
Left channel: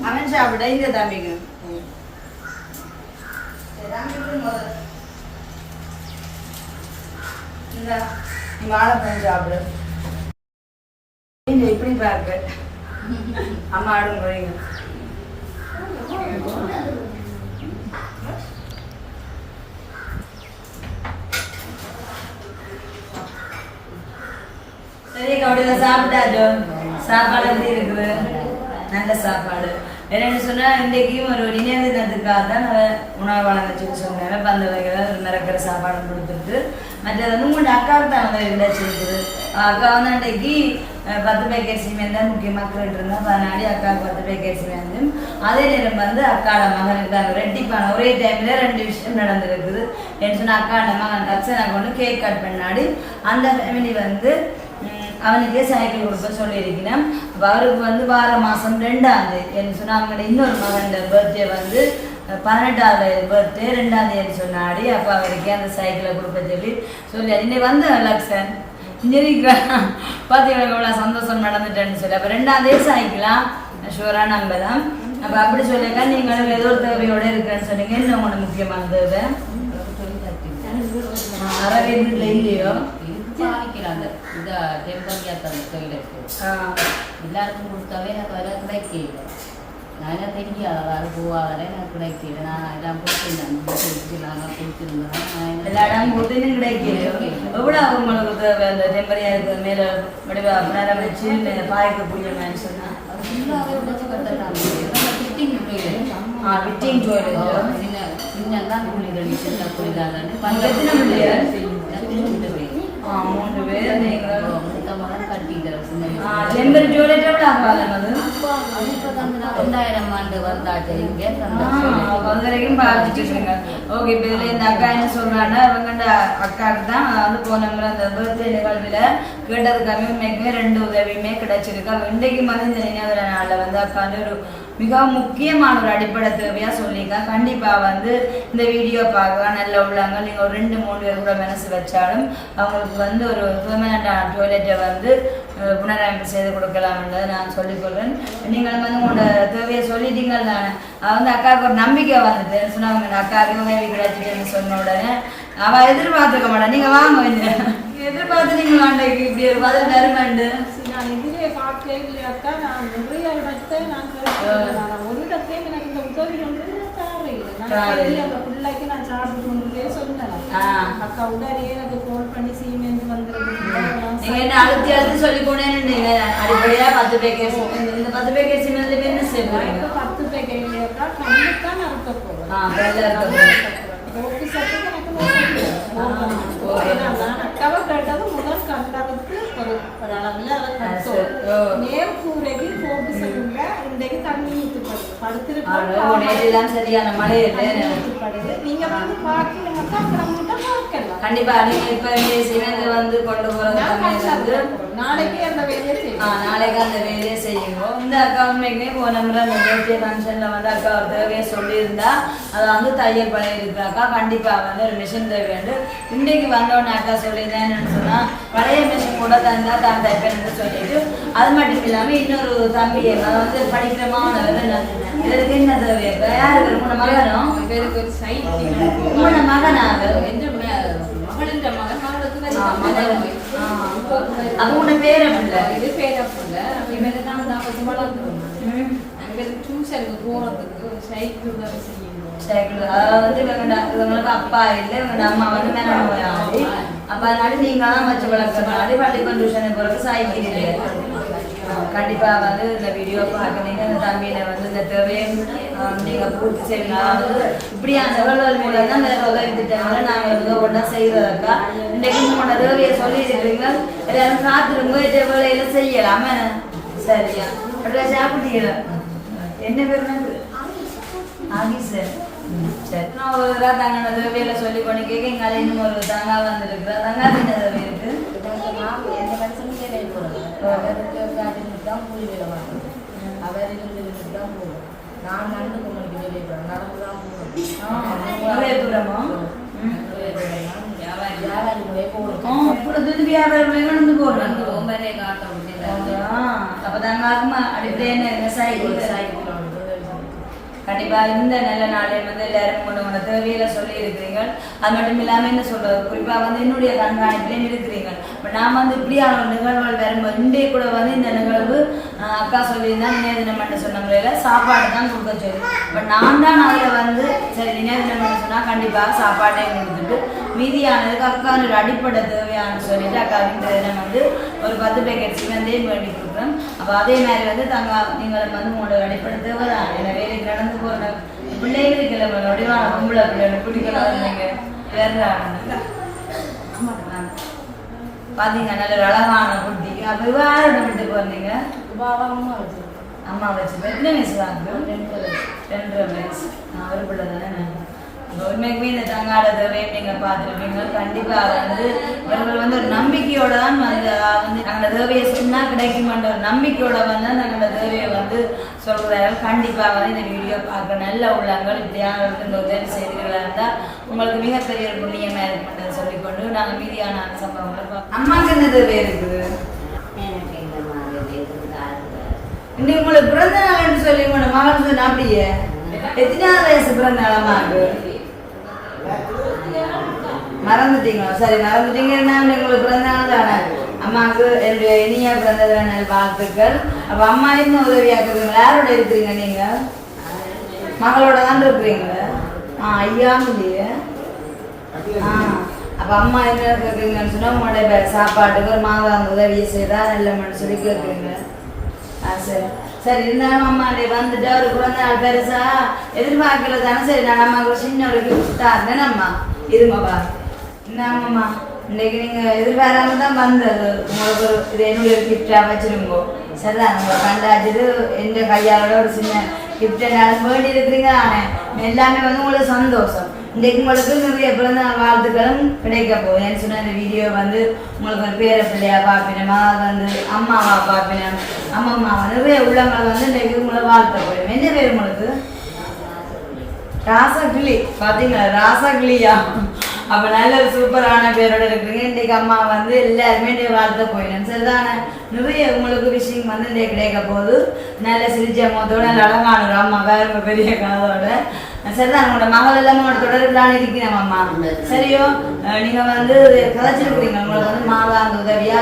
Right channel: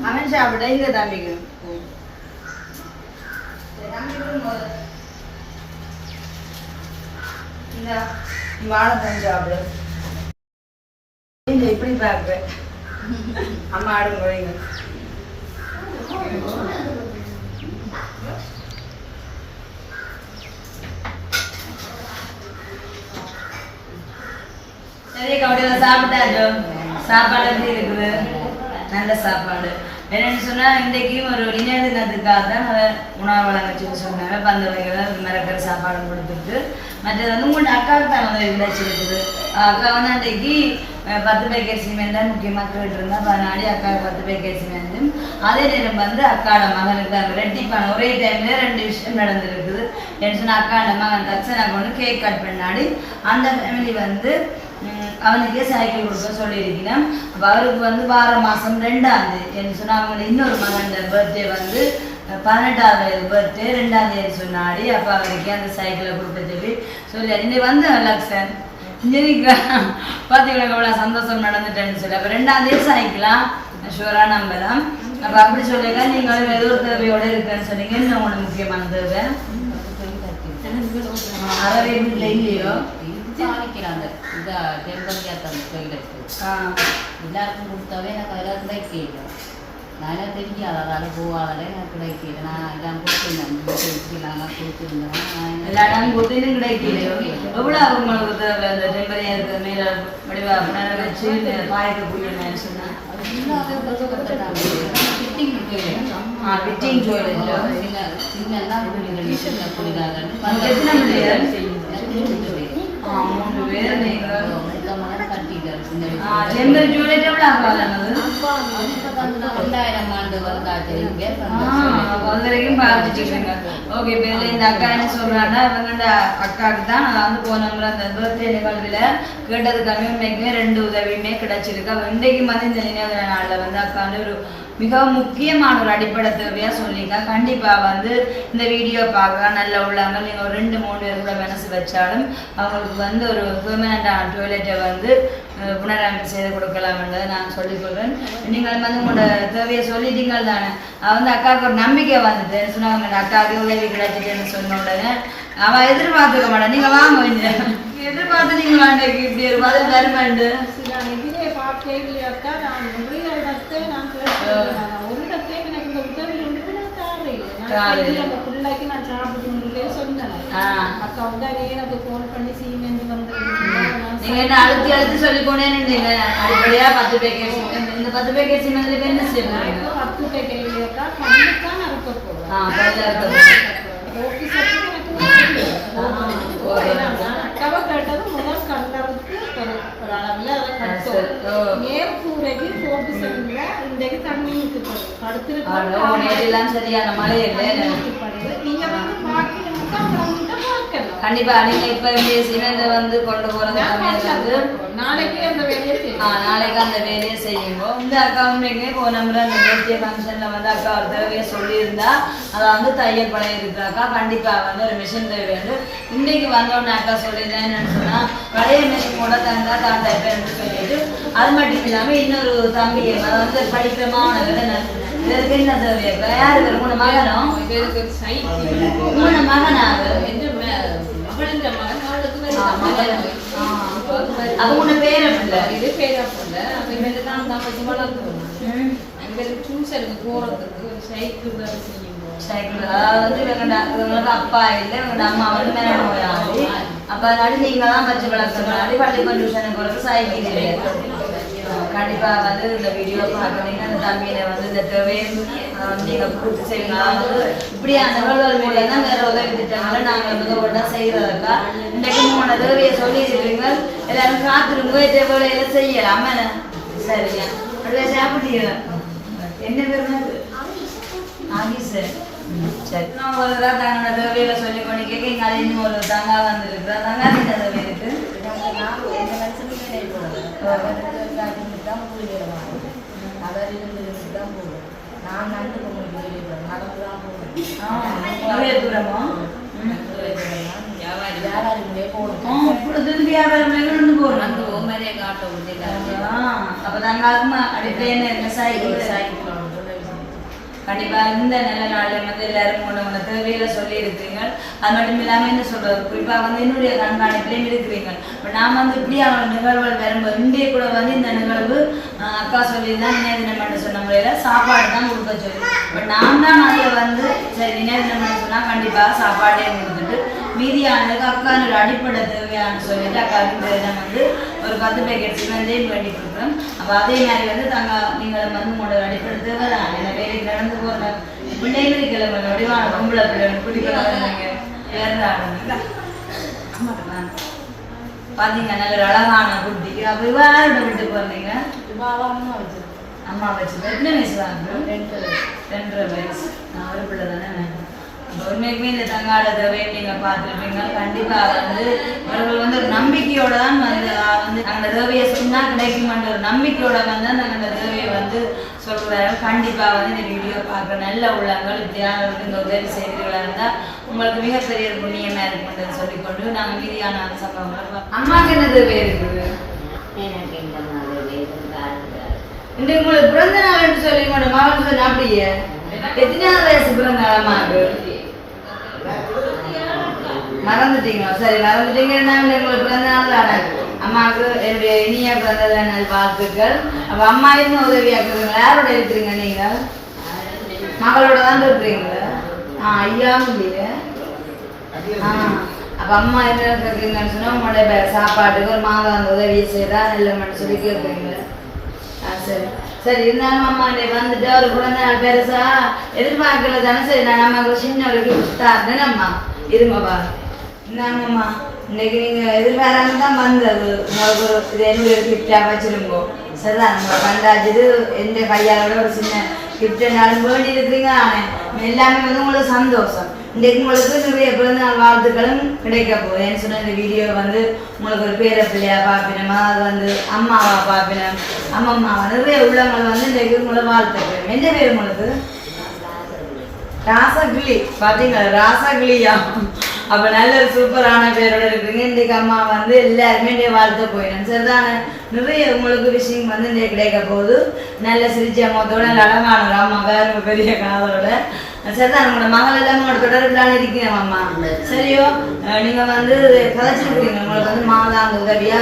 அவன் சாப்பிட இந்த தம்பிக்கு இந்த வாழைப்பழம் சாப்பிடு இப்படி பார்க்குற அம்மா ஆடும் போறீங்க சரி கவுடியில் சாப்பிட்டாச்சு சாப்பாடு எப்படி இருக்குது? நல்ல சாப்பாடு. என்னன்னு சொன்னால் இன்றைக்கும் ஒரு நினைவு தினத்துக்காக தான் நான் உணவு வழங்கச்சுன்னு சொன்னேன் பந்த வகைகளை மிரக்கிற சாப்பாடு கொடுத்துட்டு மற்றது வந்து உங்களோட அக்காவுக்கு தான் வந்து விளைச்சிருக்குது அக்கா வந்து அன்றைக்கு பத்து பேக்கெட் சிமெண்ட் தான் முக்கியமாக கேட்டிருந்தா பதினாடி அக்கா பத்து பேக்கெட் சிமெண்ட். அதே நேரம் வந்து அக்காட மகனுக்கு தான் ரெட்டிப்பான ஒரே டைம்ல ரெண்டு விஷயம் நடந்திருக்குது. என்ன சொன்னால் அக்காட மகன் தச்சனை ஒன்று கேக் கட் பண்ணாடி. அந்த ஃபேமிலி வந்து அவனுக்கே சைக்கிள் கொடுக்க சொல்லியிருக்கிறேன். அப்போ அவருக்கு வந்து வார மாதம் ரெண்டாம் தேதி என்ன சொன்னால் அவங்களோட இன்னொரு மகன் பர்த்டே வந்து பதினெட்டாவது பர்த்டே ரெண்டாம் தேதி சொன்னாடி. அப்போ அவருக்கு அந்த சைக்கிளை கொடுக்க சொல்லி சொல்லி இன்னைக்கு வந்து லக்ஷன். இன்ஜினியரிங் பார்த்தீங்கன்னா எவ்வளோ சந்தோஷம் நடந்துட்டேன்னு சொல்லி. அப்போ ரெண்டாம் தேதி சைக்கிளாம் ஷூராக நம்பலாம் அப்போ அப்படி சொல்லியிருக்கா நீங்களும் ஏதோ ஒரு தேவையோடு இருக்கிறேன்னு சொன்னீங்க. இன்னும் ஒன்று முக்கியமான தேவை. அறவே வீட்டில் இல்லையோ அந்த இந்த டெம்பரியாத்த அந்த கோயிலுக்கு ஆ. எல்லாருக்கும் கொடுத்தாவே எனக்கு அதெல்லாம் கிடைக்கல நான் தெரியாது அதாவது போவாதால எனக்கு கிடைக்கல நான் எல்லாம் கொடுத்துருந்தேன். நாங்கள் கொடுத்துருந்தோம் எல்லா இடம் கூட்டிலும் கிடைக்கலையோ எவ்வளோ உங்களுக்கு தேவை? அந்த டெம்பரியா இருக்கிற மேலே வடிவா புனர வச்சு பாய்க்கு கூட்டிடுவேன்னு சொன்னேன் அது ஃபுல்லாகவே கொடுத்து கற்றுட்டாங்க ஃபிட்டிங் கோயில் ஆ விட்டிங் கோயில் சின்ன சின்னதான் கூலிகள் சின்ன கூலிகள் எத்தனை பிள்ளைகள்? எத்தனை ஆ பேர் நீங்கள் ரெண்டாயிரம் ஆண்டு வந்தாச்சு இங்கே ஓகே இப்போ இதில் இந்த அக்கா என்ன சொல்கிறாங்கன்னா இவங்க அக்காவுக்கு தான் வந்து போன முறை அந்த பர்த்டே நிகழ்வில் கேட்டதுக்காகவே உண்மைக்குமே ரெண்டு உதவியுமே கிடைச்சிருக்கு இன்றைக்கு வந்து இந்த நினைவு நாளில் வந்து அக்கா வந்து ஒரு மிக முக்கியமான ஒரு அடிப்படை தேவையாக சொல்லியிருக்கேன் கண்டிப்பாக வந்து இந்த வீடியோ பார்க்க நல்ல உள்ளாங்க நீங்கள் ஒரு ரெண்டு மூணு பேர் கூட மனசு வச்சாலும் அவங்களுக்கு வந்து ஒரு பெர்மனண்டான டாய்லெட்டை வந்து புனரமைப்பு செய்து கொடுக்கலாம்ன்றதை நான் சொல்லிக்கொள்வேன் நீங்கள் வந்து உங்களோட தேவையை சொல்லிட்டீங்கள் தானே வந்து அக்காவுக்கு ஒரு நம்பிக்கை வந்தது. சொன்னாங்க அக்காவுக்கு உதவி கிடைச்சிட்டுன்னு சொன்ன உடனே அவள் எதிர்பார்த்துக்க மாட்டான் நீங்கள் வாங்க கொஞ்சம் எதிர்பார்த்து நீங்கள் அன்றைக்கு இப்படி ஒரு பதில் தருமாண்டு நான் எதிரே பார்த்தே அக்கா. நான் நிறைய இடத்தை நான் ஒரு இடத்தையும் எனக்கு இந்த உதவி ஒன்று தாரே இல்லை. அந்த பிள்ளைக்கு நான் சாப்பிட்டு கொண்டு சொன்னேன். அக்கா உடனே எனக்கு ஃபோன் பண்ணி வந்துருக்கு அழுத்தி அழுத்தி சொல்லி அடிப்படையா பத்து பேக்கெட் இந்த பத்து பேக்கெட் என்ன பத்து அக்காவை கேட்டது முதல் கண்டதுக்கு ஒரு அளவில் அதை. கட்டோம் நேரெல்லாம் சரியான மழை நீங்க வந்து அப்புறம் பார்க்கலாம் கண்டிப்பா நீங்க இப்ப இந்த சிமெண்ட் வந்து கொண்டு போறது நாளைக்கு அந்த வேலையை நாளைக்கு அந்த வேலையை செய்யும்போது இந்த அக்கா உண்மைக்குமே போன முறை பர்த்டே ஃபங்க்ஷனில் வந்து அக்கா தேவையை சொல்லியிருந்தா அதை வந்து தையல் பழைய இருக்கு அக்கா கண்டிப்பாக வந்து ஒரு மிஷின் தேவை வேண்டும். வந்தோடனே அக்கா சொல்லியிருந்தேன்னு சொன்னால் பழைய மிஷின் கூட தந்தா தான் சொல்லிட்டு அது மட்டும் இல்லாமல் இன்னொரு தம்பி அதை வந்து படிக்கிற மாணவர் அப்போ வளர்க்கணும் இல்லை? அம்மா வந்து மேலே நோயாளி. அப்ப அதனால நீங்க தான் வச்சு பள்ளிக்கூடம் டியூஷனுக்கு போகிறது சைக்கிள். கண்டிப்பாக கண்டிப்பா வந்து இந்த வீடியோ பார்க்குறீங்க அந்த தம்பியில வந்து இந்த தேவையும் நீங்க பூர்த்தி செய்யுங்க இப்படி அந்த நிகழ்வுகள் மூலம் தான் வேற உதவி திட்டங்களை நாங்கள் வந்து ஒன்றா செய்யறதுக்கா. இன்றைக்கு உங்களோட தேவையை சொல்லியிருக்கீங்க எல்லாரும் காத்துருங்க. இந்த வேலையில செய்யலாம். சரியா? அப்படியே சாப்பிட்டீங்க என்ன பேருங்க ஆகிஸ் சரி. நான் ஒரு தடவை தேவையில சொல்லி கொண்டு கேட்க இங்கே இன்னும் ஒரு தங்கா வந்துருக்குறா தங்கா என்ன தேவை எந்த மனுஷனும் வேலை போடுறேன் அவருக்கு காட்டிட்டு தான் கூலி வேலை வாங்குறேன் அவர் இருந்து தான் போடுறேன் நான் நண்டு பொங்கலுக்கு வெளியே போகிறேன் நடந்து தான் வியாபாரி முறையே இப்பொழுது வியாபாரம் நடந்து கண்டிப்பாக கண்டிப்பா இந்த நல்ல நாளில் வந்து எல்லாரும் கொண்டு வந்த தேவையில சொல்லி இருக்கிறீங்க அது மட்டும் இல்லாம என்ன சொல்றது? குறிப்பா வந்து என்னுடைய கண்காணிப்புலையும் இருக்கிறீங்க இப்ப நாம் வந்து அவங்க நிகழ்வுகள் வரும்போது இன்றைய கூட வந்து இந்த நிகழ்வு அக்கா சொல்லி தான் நினைவு பண்ண சொன்ன முறையில சாப்பாடு தான் கொடுக்க சொல்லி. பட் நான் தான் அதில் வந்து சரி நினைவு பண்ண சொன்னா கண்டிப்பா சாப்பாடே கொடுத்துட்டு மீதியானதுக்கு அக்கானோட அடிப்படை தேவையான சொல்லிட்டு அக்கா இந்த தினம் வந்து ஒரு பத்து பேக்கெட் சிவந்தையும் வேண்டி கொடுக்குறோம் அப்போ அதே மாதிரி வந்து தங்க நீங்களும் வந்து உங்களோட அடிப்படை தேவை தான் என்ன வேலைக்கு நடந்து போகிற பிள்ளைகளுக்கு கிளம்ப வடிவான பொம்பளை பிள்ளைகள் குடிக்கலாம் வந்தீங்க வேற பார்த்தீங்க நல்ல ஒரு அழகான குட்டி. அப்போ யாரோட வீட்டுக்கு வந்தீங்க அம்மா வச்சு எத்தனை வயசு வாங்க ரெண்டு ரெண்டரை வயசு. நான் ஒரு பிள்ளை தானே உண்மைக்குமே இந்த தங்காட தேவையை நீங்கள் பார்த்துருப்பீங்க. கண்டிப்பாக வந்து இவர்கள் வந்து ஒரு நம்பிக்கையோட தான் வந்து வந்து அந்த தேவையை சொன்னால் கிடைக்குமென்ற ஒரு நம்பிக்கையோட வந்து அந்த தேவையை வந்து சொல்கிறார்கள் கண்டிப்பாக வந்து இந்த வீடியோ பார்க்க நல்ல உள்ளங்கள் இப்படியான இந்த உதவி செய்கிறீர்களா இருந்தால் உங்களுக்கு மிகப்பெரிய ஒரு புண்ணியமாக இருக்குன்றதை சொல்லிக்கொண்டு நாங்கள் மீதியான சம்பவங்களை. அம்மாவுக்கு என்ன தேவை இருக்குது? எனக்கு இன்றைக்கு உங்களுக்கு பிறந்த நாள் என்று சொல்லி உங்களோட மகன் சொன்ன அப்படியே? எத்தனாவது வயசு பிறந்த நாள் அம்மாவுக்கு? மறந்துட்டீங்களா? சரி மறந்துட்டீங்கன்னா எங்களுக்கு பிறந்த நாள் தானே அம்மாவுக்கு என்னுடைய இனிய பிறந்த நாள் வாழ்த்துக்கள். அப்ப அம்மா என்ன உதவியா இருக்கிறீங்களா யாரோட இருக்கிறீங்க நீங்க? மகளோட தான் இருக்கிறீங்களா? ஆ ஐயாவும் இல்லையே ஆ அப்ப அம்மா என்ன கேட்குறீங்கன்னு சொன்னா உங்களோட சாப்பாட்டுக்கு ஒரு மாதம் உதவியை செய்தா இல்லைன்னு சொல்லி கேட்குறீங்க ஆ சரி. சரி இருந்தாலும் அம்மா நீ வந்துட்டு ஒரு குழந்தை நாள் பெருசா எதிர்பார்க்கல தானே. சரி நான் அம்மாவுக்கு சின்ன ஒரு கிஃப்ட் தான் அம்மா இருங்கப்பா இந்தாங்கம்மா இன்னைக்கு நீங்க எதிர்பாராம தான் வந்தது உங்களுக்கு ஒரு இது என்னுடைய கிஃப்டா வச்சிருங்கோ சரிதான் நம்ம கண்டாச்சது எந்த கையாளோட ஒரு சின்ன கிஃப்ட் எல்லாரும் வேண்டி இருக்கிறீங்க நானே எல்லாமே வந்து உங்களுக்கு சந்தோஷம் இன்றைக்கு உங்களுக்கு நிறைய பிறந்த நாள் வாழ்த்துக்களும் கிடைக்க போகுது ஏன்னு சொன்ன இந்த வீடியோ வந்து உங்களுக்கு ஒரு பேர பிள்ளையா பார்ப்பினமா அது வந்து அம்மாவா பார்ப்பினம் அம்மம்மாவா நிறைய உள்ளவங்க வந்து இன்றைக்கு உங்களை வாழ்த்து என்ன பேர் உங்களுக்கு ராசகிளி பார்த்தீங்களா ராசகிளியா அப்ப நல்ல ஒரு சூப்பரான பேரோட இருக்கீங்க இன்றைக்கு அம்மா வந்து எல்லாருமே இன்றைய வாழ்த்த போயிடும் சரிதானே? நிறைய உங்களுக்கு விஷயம் வந்து இன்றைக்கு கிடைக்க போகுது. நல்ல சிரிச்ச அம்மாத்தோட நல்ல அழகான ஒரு அம்மா வேற பெரிய கனவோட. சரிதான்? உங்களோட மகள் எல்லாம் உங்களோட தொடர்புலான்னு இருக்கிறேன் அம்மா சரியோ? நீங்க வந்து கதைச்சிருக்கிறீங்க. உங்களுக்கு வந்து மாதாந்த உதவியா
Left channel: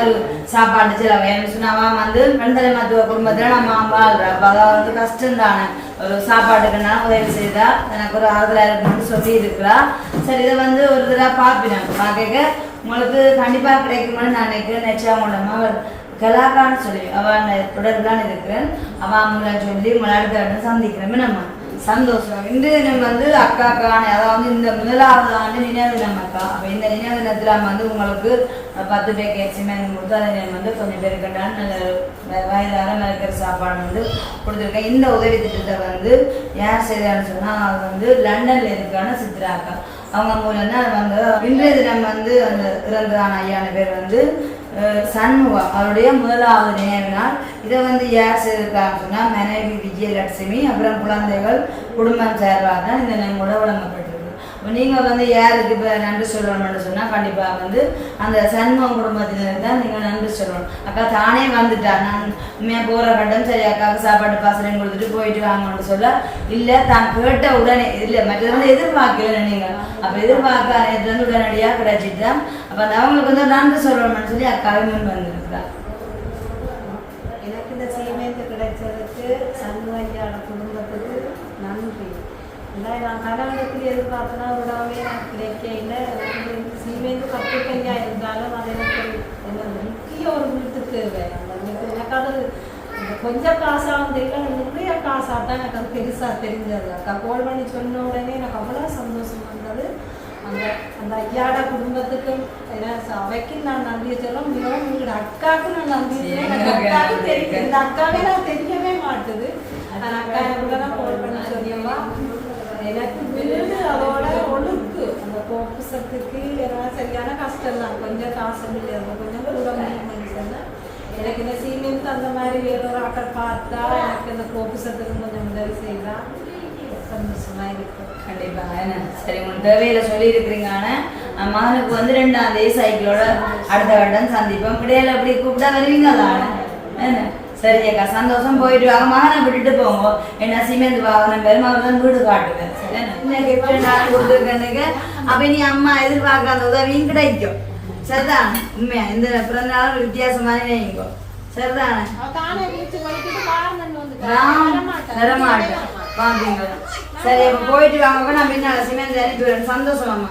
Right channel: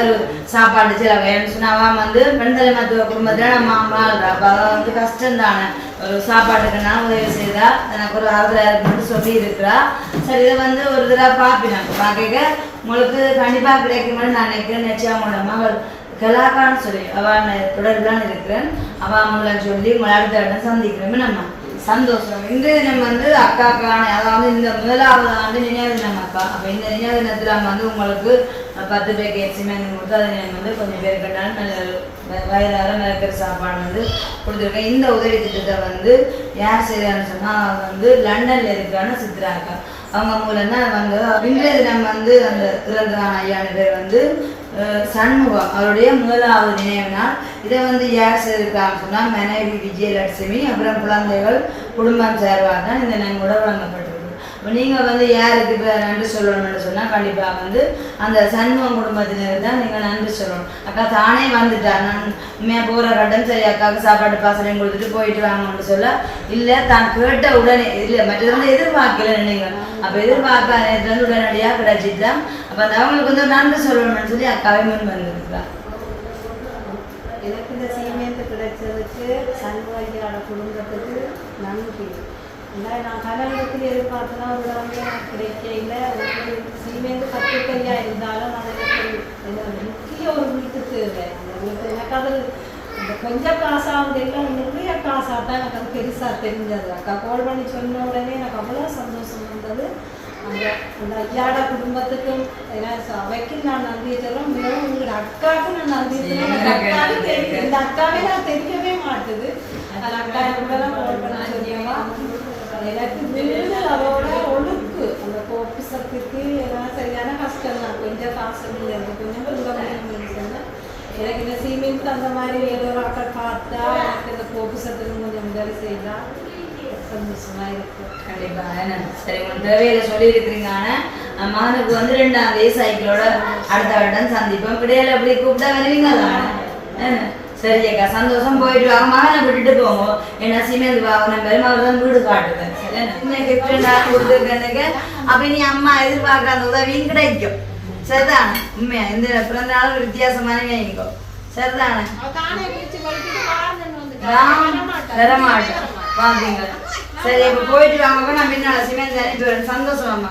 சாப்பாடு சில செலவு சொன்னாவா வந்து பெண்தலை மருத்துவ குடும்பத்துல நம்ம வாழ்றா. அப்ப வந்து கஷ்டம் தானே ஒரு சாப்பாட்டுக்கு நான் உதவி செய்தா எனக்கு ஒரு ஆறுதலாயிரம் மட்டும் சொல்லி இருக்கிறா சரி இதை வந்து ஒரு தடவை பார்ப்பினாங்க பார்க்க உங்களுக்கு கண்டிப்பாக கிடைக்கும்னு நான் நினைக்கிறேன். நிச்சயம் உங்களோட மகள் கலாக்கான்னு சொல்லி அவள் தொடர்புதான் இருக்கிறேன். அவள் அவங்கள சொல்லி உங்களை அடுத்த சந்திக்கிறோமே. நம்ம சந்தோஷம். இன்றைய தினம் வந்து அக்காக்கான அதாவது இந்த முதலாவது ஆண்டு நினைவு தினம் அக்கா. அப்போ இந்த நினைவு தினத்தில் வந்து உங்களுக்கு பத்து பேருக்கு சிமெண்ட் கொடுத்து அதை வந்து கொஞ்சம் பேர் கண்டாலும் வ- நினைக்கிற சாப்பாடு வந்து கொடுத்துருக்கேன். இந்த உதவி திட்டத்தை வந்து யார் செய்கிறான்னு சொன்னால் அவங்க வந்து லண்டனில் இருக்கான சித்ரா அக்கா. அவங்க மூலம் தான் வந்து இன்றைய தினம் வந்து அந்த இறந்தான ஐயான பேர் வந்து சண்முகம் அவருடைய முதலாவது நினைவு நாள் இதை வந்து யார் செய்திருக்காங்க சொன்னால் மனைவி விஜயலட்சுமி அப்புறம் குழந்தைகள் குடும்பம் சார்பாக தான் இந்த நாங்கள் கூட வழங்கப்பட்டிருக்கு. இப்போ நீங்கள் வந்து யாருக்கு இப்போ நன்றி சொல்லணும்னு சொன்னால் கண்டிப்பாக வந்து அந்த சண்முகம் குடும்பத்தினர் தான் நீங்கள் நன்றி சொல்லணும். அக்கா தானே வந்துட்டா? நான் உண்மையாக போகிற கட்டம் சரி அக்காவுக்கு சாப்பாடு பாசனையும் கொடுத்துட்டு போயிட்டு வாங்கன்னு சொல்ல இல்லை தான் கேட்ட உடனே இல்லை மற்றது வந்து எதிர்பார்க்கல நீங்கள் அப்போ எதிர்பார்க்க நேரத்துல உடனடியாக தான் அப்போ அந்த அவங்களுக்கு வந்து நன்றி சொல்லணும்னு சொல்லி அக்காவே முன் வந்திருக்கிறா எனக்கு இந்த சீமேந்து கிடைச்சதுக்கு சண்முகையான குடும்பத்துக்கு நன்றி. இல்லை நான் கல்யாணத்தில் எதிர்பார்த்தனா ஒரு எனக்கு கிடைக்கல எனக்கு சீமேந்து பத்து கையாக இருந்தாலும் அது எனக்கு என்ன முக்கிய ஒரு வீட்டு தேவை. எனக்கு அது கொஞ்சம் காசாக இல்லை. நிறைய காசாக தான் எனக்கு அது பெருசாக தெரிஞ்சது அக்கா கோல் பண்ணி சொன்ன உடனே எனக்கு அவ்வளோ சந்தோஷம் இருந்தது. அந்த அந்த ஐயாட குடும்பத்துக்கும் அவைக்கு நான் நன்றி சொல்ல மிகவும் உங்களோட அக்காவுக்கு நான் நன்றி சொல்ல எனக்கு அக்காவுக்கு தெரியும் இந்த அக்காவே நான் தெரியவே மாட்டுது அந்த அக்கா கூட நான் கோல் பண்ணி சொன்னியம்மா எனக்கு அவளோட ஒழுக்கு அந்த கோ ஆஃபீஸருக்கு எல்லாம் சரியான கஷ்டம் தான் கொஞ்சம் காசு இல்லை கொஞ்சம் கூட சொன்னேன் எனக்கு இந்த சீமெண்ட் அந்த மாதிரி ஒரு பார்த்தா எனக்கு இந்த ஆஃபீஸருக்கு கொஞ்சம் உதவி செய்யலாம் சந்தோஷமா இருக்கு கண்டிப்பா சரி உங்க தேவையில சொல்லி இருக்கிறீங்க மகனுக்கு வந்து ரெண்டாம் தேதி சைக்கிளோட அடுத்த வருடம் சந்திப்போம். கிடையாது அப்படி கூப்பிட்டா வருவீங்க என்ன சரி அக்கா சந்தோஷம் போயிட்டு வாங்க மகனை விட்டுட்டு போங்க. என்ன சிமெண்ட் வாகனம் பெரும் அவர் தான் வீடு காட்டுவேன் சரி என்ன? கிஃப்ட் நான் கொடுத்துருக்கேனுக்கு அப்ப நீ அம்மா எதிர்பார்க்காத உதவியும் கிடைக்கும். சரிதான் உண்மையா? இந்த பிறந்த நாள் வித்தியாசமான நினைங்கோ சரிதானே? வரமாட்டேன். வாங்க சரி அப்ப போயிட்டு வாங்க. நான் பின்னால சிமெண்ட் அனுப்பி வரேன் சந்தோஷம்